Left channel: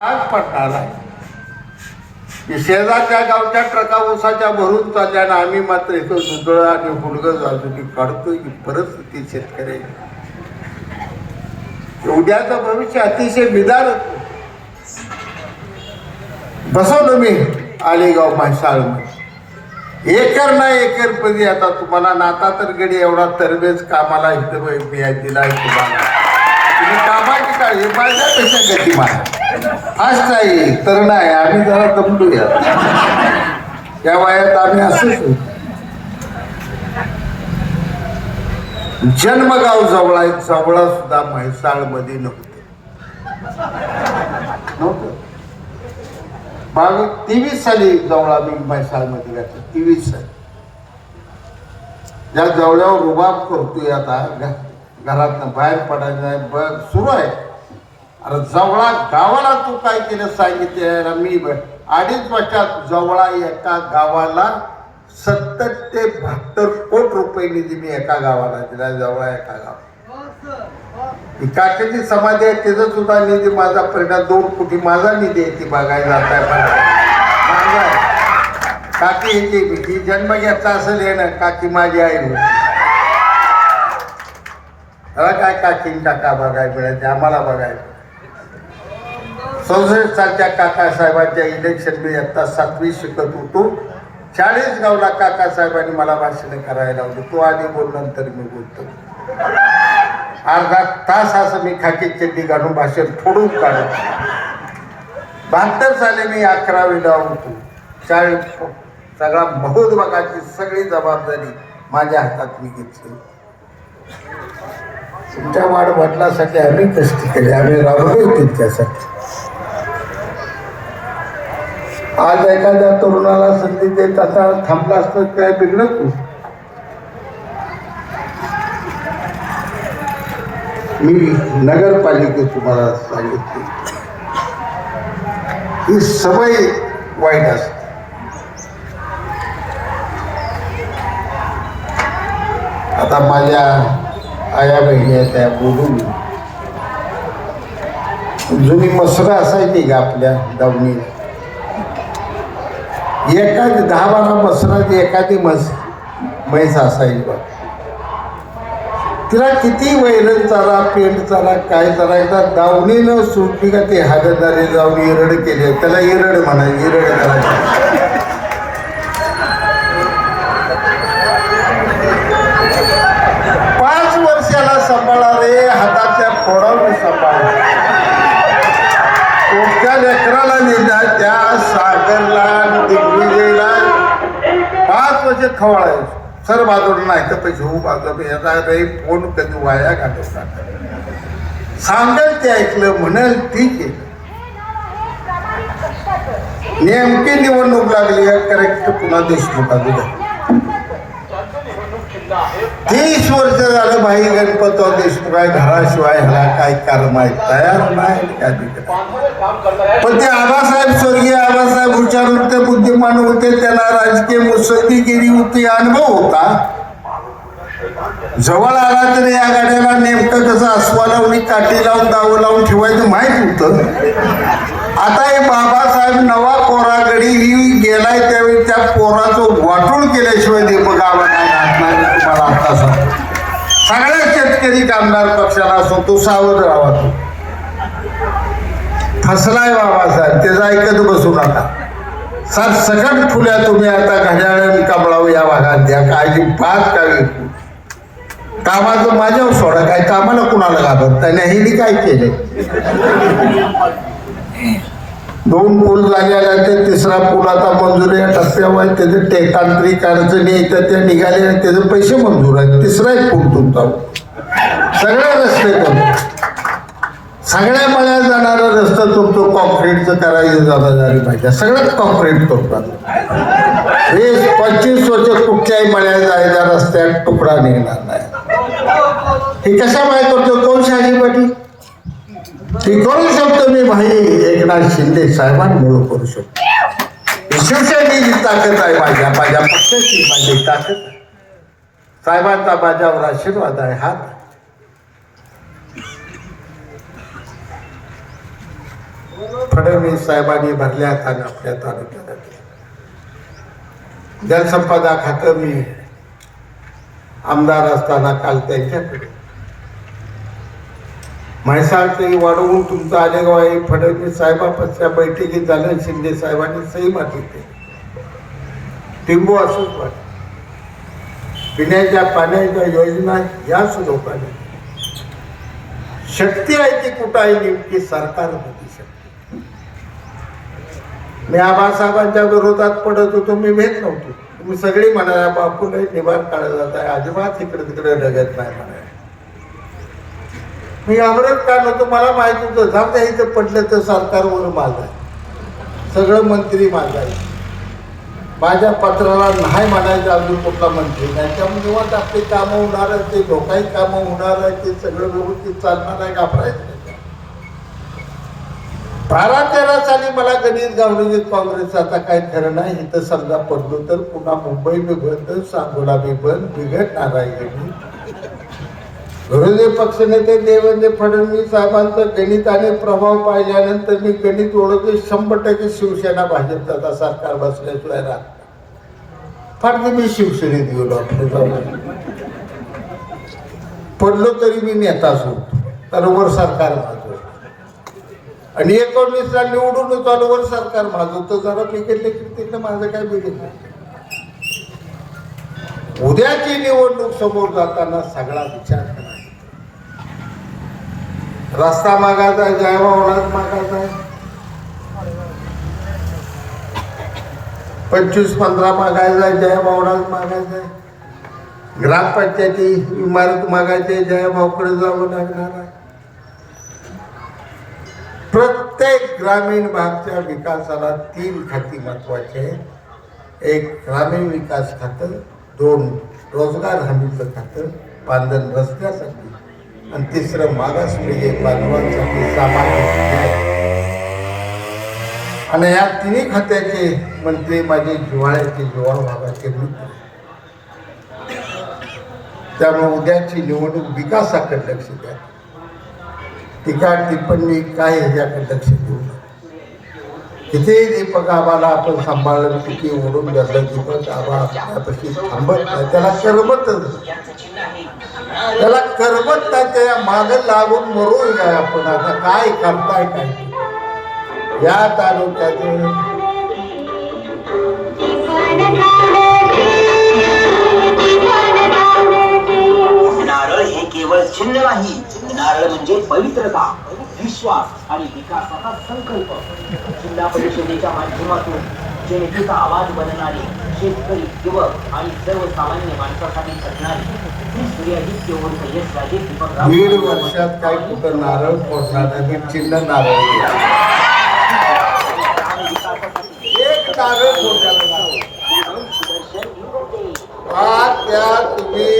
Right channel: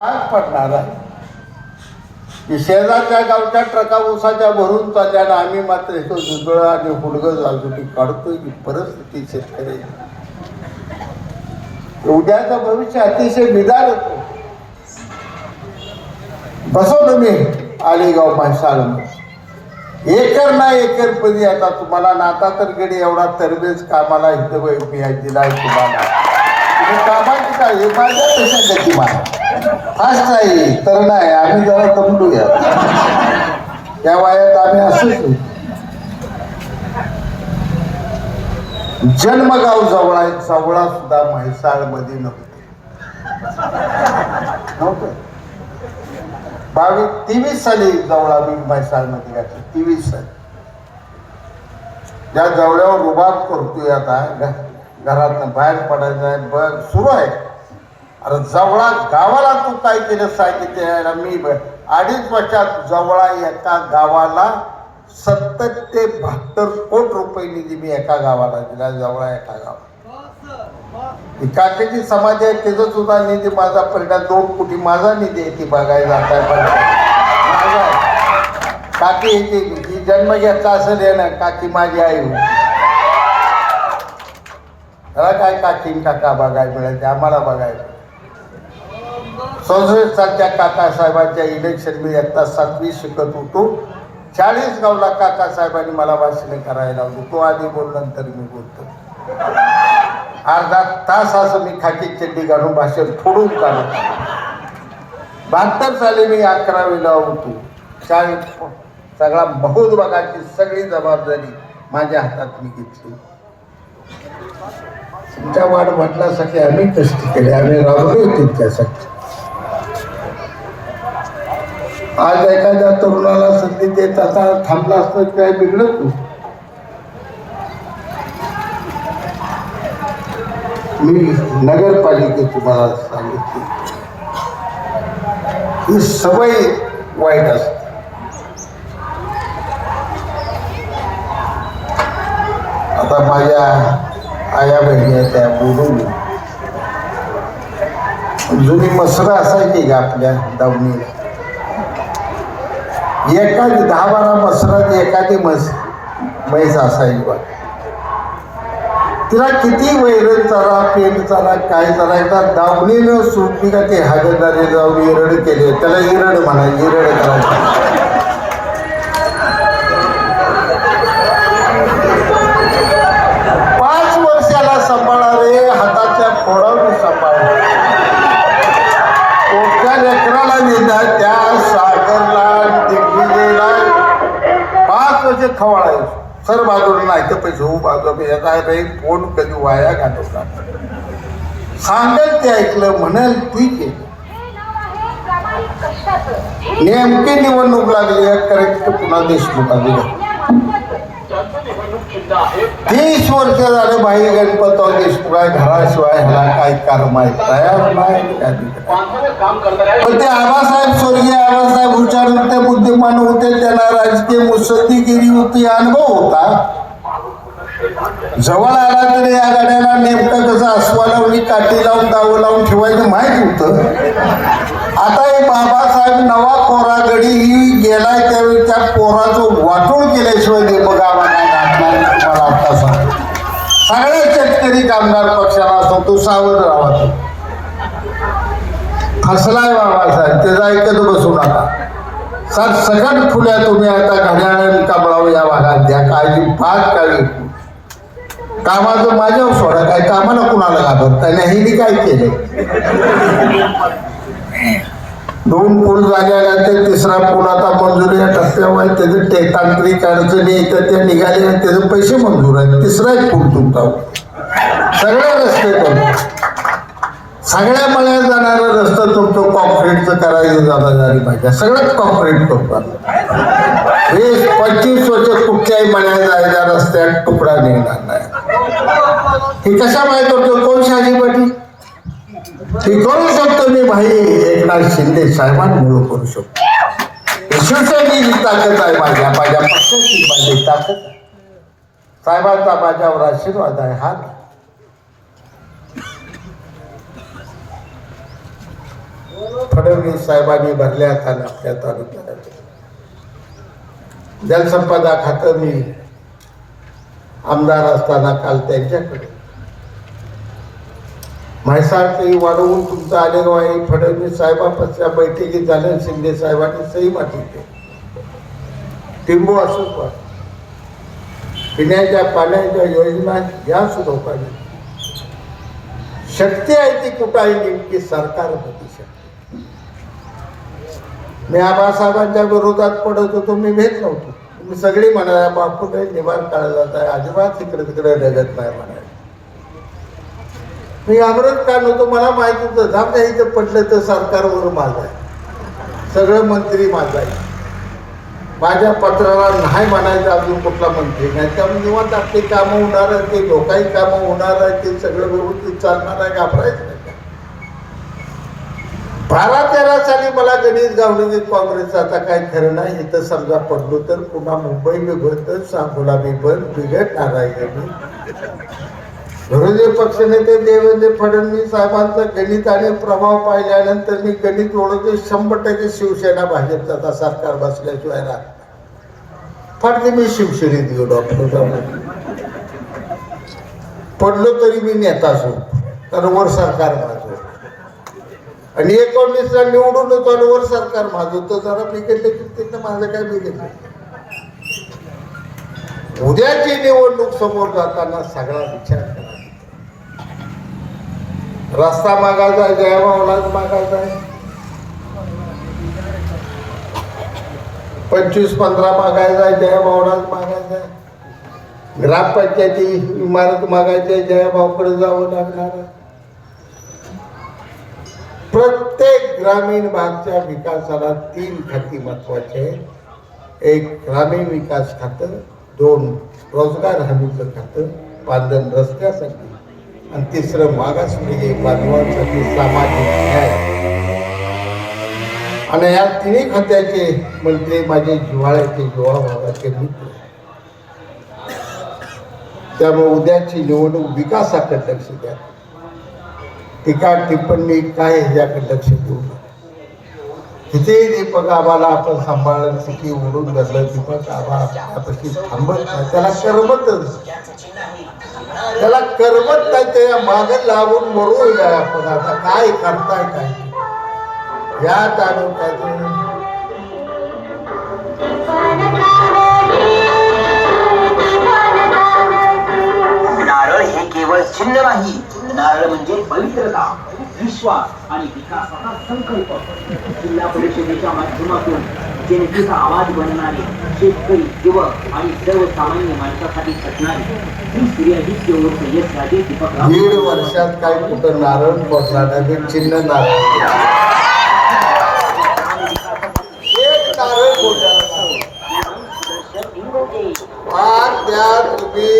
आज पडणार आहे की शेजारच्या गावच्या ट्रका ऊसाच्या भरून चालल्या आणि आम्ही मात्र इथं दुधळ आणि हुडगं लाजूटी काढतोय की परिस्थिती शेतकऱ्याची उद्याचं भविष्य अतिशय बिदार होतो. बसवलं मी आलेगाव म्हैसाळमध्ये एकर ना एकर पदी आता तुम्हाला नाता तर गडी एवढा तरबेज कामाला इथं दिला आहे तुम्हाला. तुम्ही कामाची काय हे माझ्यापेक्षा गती माझ्या फास्ट आहे तर नाही आम्ही जरा दमलूया त्या वयात आम्ही असंच. जन्मगाव जवळा जवळा सुद्धा म्हैसाळ मध्ये नव्हते. 23 साली जवळा मी म्हैसाळ मध्ये घातलं. 23 साली ज्या जवळ्यावर रुबाब करतोय आता घरातनं बाहेर पडायचं बघ सुरू आहे. अरे जवळा गावाला तू काय केलं सांगितलं मी 2.5 वर्षात जवळा एका गावाला 70 ते 72 कोटी रुपये निधी मी एका गावाला दिला. जवळा एका गावाला काकेची समाधी आहे त्याचा सुद्धा निधी माझा परिणाम 2 कोटी माझा निधी आहे ती बघायला जात आहे. काकी ही जन्म घेतला असेल हे ना काकी माझी आई होती. काय काकी काका बघायला मिळायचे आम्हाला बघायला. 64 सालच्या काकासाहेबांच्या इलेक्शन मी आता 7वी शिकत होतो. 40 गावला काकासाहेबांनी मला भाषण करायला लावली. तो आधी बोल नंतर मी बोलतो. अर्धा तास असं मी खाकी चड्डी घालून भाषण फोडून काढत. 72 साली मी 11वीला होतो. 40 सगळा महोत्सवाची सगळी जबाबदारी माझ्या हातात मी घेतली. तुमच्या वाढ म्हटल्यासाठी आम्ही कष्ट केले आम्ही राबलोय तितक्यासाठी. आज एखाद्या तरुणाला संधी देत आता थांबला असतं काय बिघडत नाही. मी नगरपालिकेत तुम्हाला सांगितले ही सवय वाईट असते. आता माझ्या आया बहिणी त्या बोलून जुनी मसरं असायची का आपल्या दावणीला एखादी 10-12 मसरात एखादी म्हैस असायची बघ. तिला किती वैरण चारा पेंट चारा काय चारायचा दावणीनं सुटली का ते हागदारी जाऊन इरड केले त्याला इरड म्हणायचे. इरड करायचं 5 वर्षाला सांभाळणारे हाताच्या फोडावर सांभाळले. कोणत्या लेकराला नेला त्या सागरला दिग्विजयला 5 वर्ष खवळायचं. सर बाजूला नाही तर पैसे हो बाजू येता बाई फोन कधी वाया घालवता सांगेल ते ऐकलं म्हणाल ठीक आहे. नेमकी निवडणूक लागली करेक्ट पुन्हा देशमुखाची. 30 वर्ष झालं भाई गणपतराव देशमुख आहे घराशिवाय ह्याला काय कर्म आहे तयार नाही काय. पण ते आबासाहेब स्वर्गीय आबासाहेब हुशार होते बुद्धिमान होते त्यांना राजकीय मुत्सद्दीगिरी होती अनुभव होता. जवळ आला तरी या गाड्याला नेमकं कसं अस्वालावली काठी लावून दावं लावून ठेवायचं माहीत होतं. आता हे बाबासाहेब नवा पोरा गडी ही गेलाय त्यावेळी त्या पोराचं वाटोळ केल्याशिवाय दीपगावा तुम्हाला आता सगळ्या शेतकरी कामगार पक्षाला असो तो सावध राहा. तो फसलाय बाबासाहेब त्याचा ऐकत बसू नका. सकट फुल्या तुम्ही आता घड्याळाने कमळावं या भागात द्या काळजी 5 काळजी कामाचं माझ्यावर सोडा काय कामाला कुणाला घाबरत त्याने हे काय केले. 2 पूल झाल्यानंतर 3रा पूल आता मंजूर आहे टप्प्यावर त्याचे तांत्रिक अडचणी तर ते निघाले त्याचे पैसे मंजूर आहेत. 3रा एक पूल तुमचा सगळे रस्ते करू सगळ्या मळ्यात जाणारा रस्ता तुमचं कॉन्क्रीटचं करायची जबाबदारी पाहिजे. सगळ्यात कॉन्क्रीट करतात. हे 25 वर्ष कुठच्याही मळ्यात जायच्या रस्त्यात तुकडा निघणार नाही. हे कशा माहित होतं कोण शाही पाटील हे करू शकतो मी भाई एकनाथ शिंदे साहेबांमुळे करू शकतो. शिवसेनेची ताकद आहे माझ्या पक्षाची माझी ताकद आहे. साहेबांचा माझ्यावर आशीर्वाद आहे हात. फडणवीस साहेबांनी भरल्या आणि आपल्या तालुक्यात जलसंपदा खातं मी आमदार असताना काल त्यांच्याकडे म्हैसाळचंही वाढवून तुमचं आलेगाव आहे फडणवीस साहेबांच्या बैठकीत झालं. शिंदे साहेबांनी सही मारली ते टिंबू असंच वाट पिण्याच्या पाण्याच्या योजना या सुरू पाहिजे. शक्ती आहे ती कुठं आहे नेमकी सरकार होती शक्ती. मी आबासाहेबांच्या विरोधात पडत होतो, मी भेट नव्हती. तुम्ही सगळी म्हणाला बापूला निवार काढला जात आहे, अजिबात इकडे तिकडे रगत नाही म्हणाय. मी घाबरत का नव्हतो, मला माहिती होतं जाऊ इथं पडलं तर सरकारवर माझा आहे, सगळं मंत्री माझा आहे. माझ्या पत्राला नाही म्हणायचं अजून कुठला मंत्री नाही. त्यामुळे निवांत आपली कामं होणार आहे, ते लोकांची कामं होणार आहे, ते सगळं व्यवस्थित चालणार आहे. घाबरायचं नाही. 12-13 साली मला गणित गावली काँग्रेस आता काही खरं नाही. इथं समजा पडलो तर पुन्हा मुंबई बी बंद, सांगोला बी बंद, बिघडणार आहे. विरोधी पक्षनेते देवेंद्र फडणवीस साहेबांचं गणित आणि प्रभाव पाहिल्यानंतर मी गणित ओळखते 100% शिवसेना भाजपचा आता सरकार बसल्याशिवाय राहत फार मी शिवसेनेत गेलो. आपल्या पडलो तरी मी नेताच होतो, कारण वर सरकार माझं. आणि 19ला निवडून होतो आणि वर सरकार माझं होतं. जरा बिघडलं की तिथं माझं काय बिघडलं. उद्याची निवडणूक समोर जाताना सगळा विचार करा. रस्ता मागायचा आहे, जयभावलाच मागायचा आहे, 25-15 मागायचा आहे, जयभावलाच मागायचा आहे. ग्रामपंचायती इमारत मागायची आहे, जयभावकडे जावं लागणार आहे. प्रत्येक ग्रामीण भागच्या विकासाला 3 खाती महत्वाचे आहे. एक ग्रामीण विकास खातं, 2 रोजगार हमीचं खातं, 5 रस्त्यासाठी, आणि 3 मागासवर्गीय बांधवांसाठी सामाजिक न्याय. आणि या 3 खात्याचे मंत्री माझे जिव्हाळ्याचे जीवाभावाचे मित्र. त्यामुळे उद्याची निवडणूक विकासाकडे लक्ष द्या. टीका टिप्पणी काय ह्याच्याकडे लक्ष देऊ नका. किती दीपक आबाला आपण सांभाळलं, किती ओढून धरलं, दीपक आबा त्यापाशी थांबत नाही. त्याला करमत नाही. त्या मागं लागून मरू जाय आपण. आता काय करताय काय या तालुक्यातून नारळ हे केवळ चिन्ह नाही, नारळ म्हणजे पवित्रता, विश्वास आणि विकासाचा संकल्प. जिल्हा परिषदेच्या माध्यमातून जनतेचा आवाज बनणारी, शेतकरी, युवक आणि सर्वसामान्य माणसासाठी झटणारी ही सूर्यादित्य उर्फ यशराजे दीपक. 1.5 वर्षात काय कुठं नारळ फोडणार नाही, चिन्ह नारळ. एक नारळ फोडायला त्या तुम्ही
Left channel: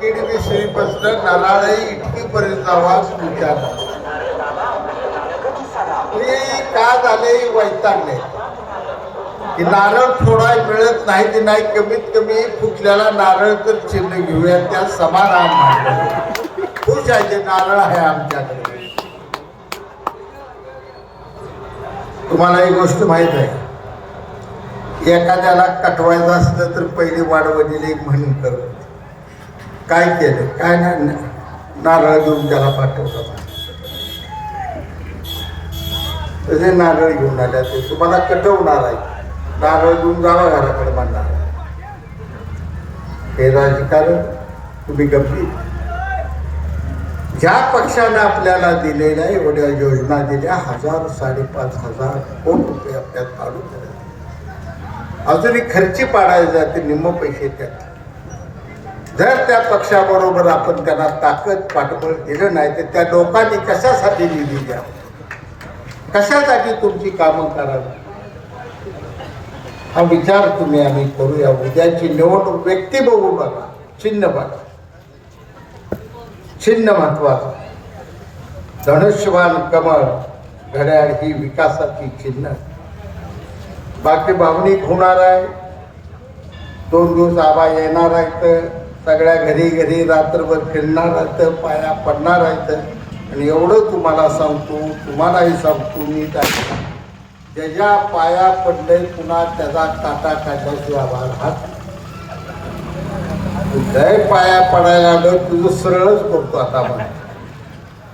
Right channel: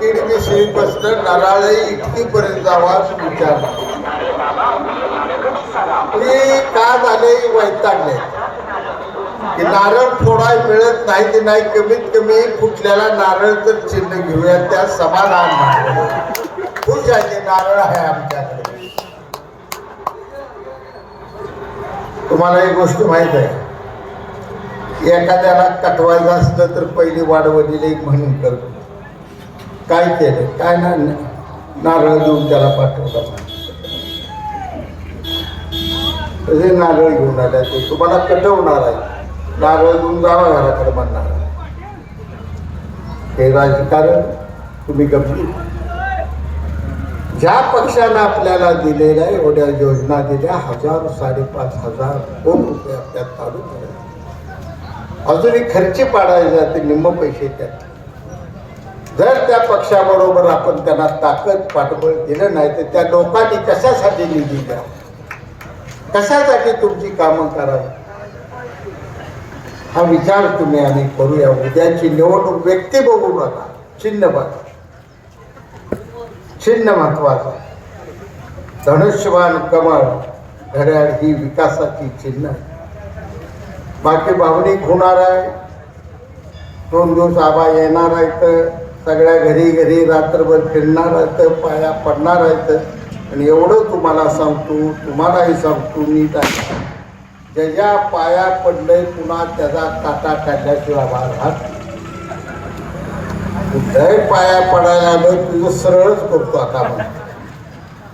किडमिसळी बसलं नारळ इतकी पर्यंत आवाज विचार का झाले वैतागले की नारळ फोडाय मिळत नाही. ते नाही, कमीत कमी फुटल्याला नारळ तर चिन्ह घेऊया, त्या समाधान नाही. खुश आहे ते नारळ आहे आमच्याकडे. तुम्हाला एक गोष्ट माहित आहे, एखाद्याला कटवायचं असलं तर पहिली वाढवलेली एक म्हणून करतो. काय केलं काय नाही, नारळ देऊन त्याला पाठवला. तसे नारळ घेऊन आल्या ते तुम्हाला कटवणार आहे, नारळ घेऊन जावा घराकडे म्हणणार आहे. हे राजकारण तुम्ही गंभीर. ज्या पक्षानं आपल्याला दिलेल्या एवढ्या योजना दिल्या, 1000-5,500 कोटी रुपये आपल्या तालुक्यात अजूनही खर्ची पाडायला जाते, निम्म पैसे त्यात. जर त्या पक्षाबरोबर आपण त्यांना ताकद पाठबळ दिलं नाही तर त्या लोकांनी कशासाठी निधी द्या, कशासाठी तुमची कामं करावी, हा विचार तुम्ही आम्ही करूया. उद्याची निवडणूक व्यक्ती बघू नका, चिन्ह बघा. चिन्ह महत्वाचं. धनुष्यवान कमळ घड्याळ ही विकासाची चिन्ह आहे. बाकी भावनिक होणार आहे. 2 दिवस आबा येणार आहेत, सगळ्या घरी घरी रात्रभर फिरणार आहेत, पाया पडणार आहेत. आणि एवढं तुम्हाला सांगतो, तुम्हालाही सांगतो मी ज्याच्या पाया पडले पुन्हा त्याचा काटा काढल्याशिवाय राहत लय पाया पडायला आलं तुझं सरळच करतो आता आपण.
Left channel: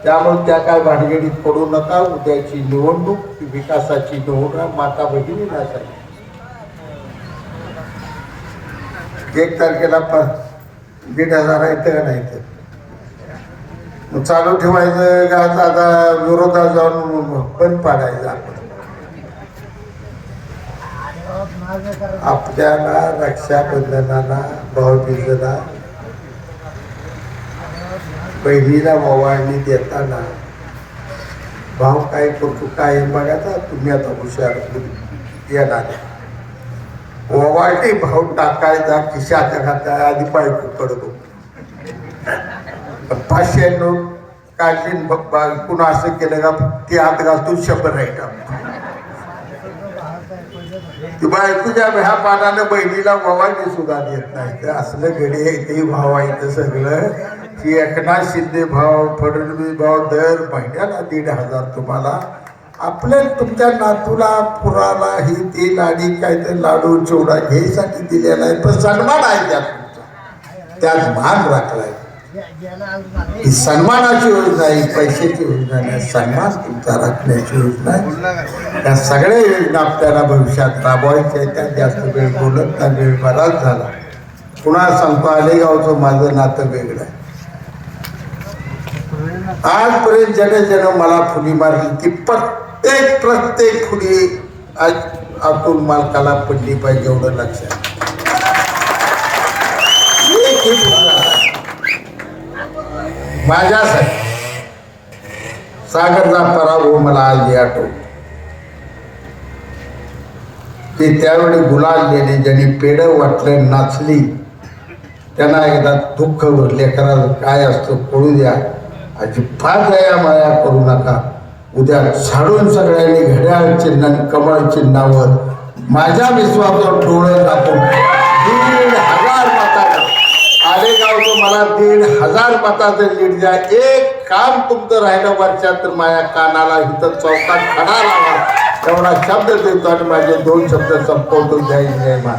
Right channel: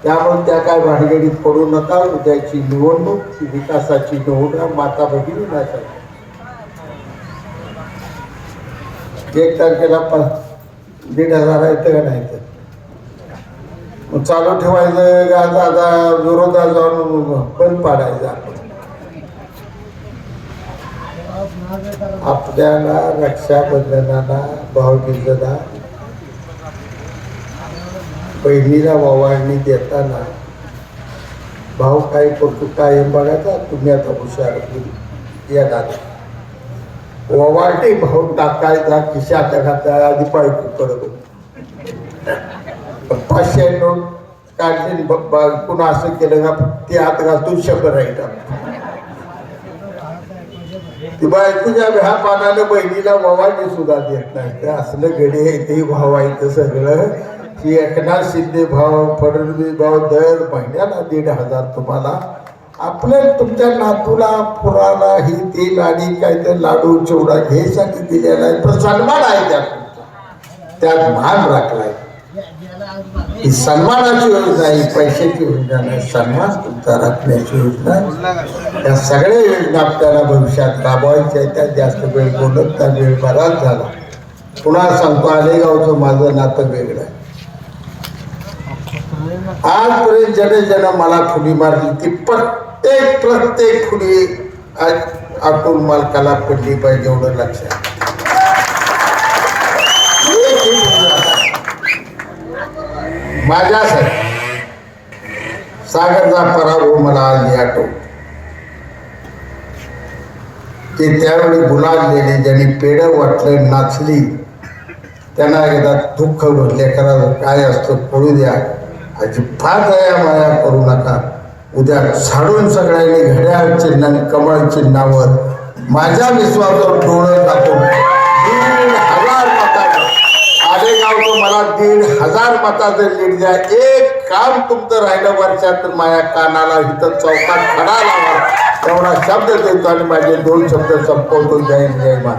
त्यामुळे त्या काय भानगडीत पडू नका. उद्याची निवडणूक ही विकासाची निवडणूक माता भगिनीसाठी 1 तारखेला 1,500 येतं का नाही तर मग चालू ठेवायचं आज आता विरोधात जाऊन बंद पाडायचं आपण. आपल्याला रक्षाबंधनाला भाऊबीजेला बहिणीला ओवाळणी देताना भाऊ काय करतो काय बघायचा. तुम्ही आता हुशार येणार ओवाळणी भाऊ टाकायचा खिशाच्या खात्या आधी बायको पडतो 500 नोट काढली पुन्हा असं केलं का ते हात घालतून 100 राहील. तुझ्या ह्या पानानं बहिणीला ओवाळणी सुद्धा देत नाही. ते असलं गडे ते भाव आहे सगळं की एकनाथ शिंदे भाव फडणवीस भाव दर महिन्याला 1,500 तुम्हाला आपल्या तुमच्या नातूला पुराला ही तेल आणि काय तर लाडू चिवडा घ्यायसाठी दिलेला आहे. पण सन्मान आहे त्यात तुमचा त्यात मान राखलाय. ही सन्मानाची योजना आहे पैशाची योजना नाही. सन्मान तुमचा राखण्याची योजना आहे. त्या सगळ्या योजना आपल्याला भविष्यात राबवायच्या आहेत. त्यात जास्त वेळ बोलत त्या वेळ बराच झाला. पुन्हा सांगतो आलेगावचं माझं नातं वेगळं आहे. आजपर्यंत जन मला फुली मारली ती प्रत्येक फुली आज अतुल मालकाला पडली पाहिजे एवढं लक्षात. माझ्यासाठी सागरचा पराभव मला आज आठवतो की त्यावेळी गुलाललेली ज्यांनी पेढं वाटले नाचली त्यांना एकदा दुःख लेकराला काय असतं कळू द्या. अजिबात दया माया करू नका. उद्या झाडून सगळ्यांनी घड्याळ चिन्ह आणि कमळ चिन्हावर माझ्या विश्वासावर डोळे टाकून 1,500 मतानं आलेगावचं मला 1,500 मताचं लीड द्या. एक काम तुमचं राहिलं वर्षात तर माझ्या कानाला इथं चौकात खडा लावा तेवढा शब्द देतो आणि माझे 2 शब्द संपवतो. जय जय मा.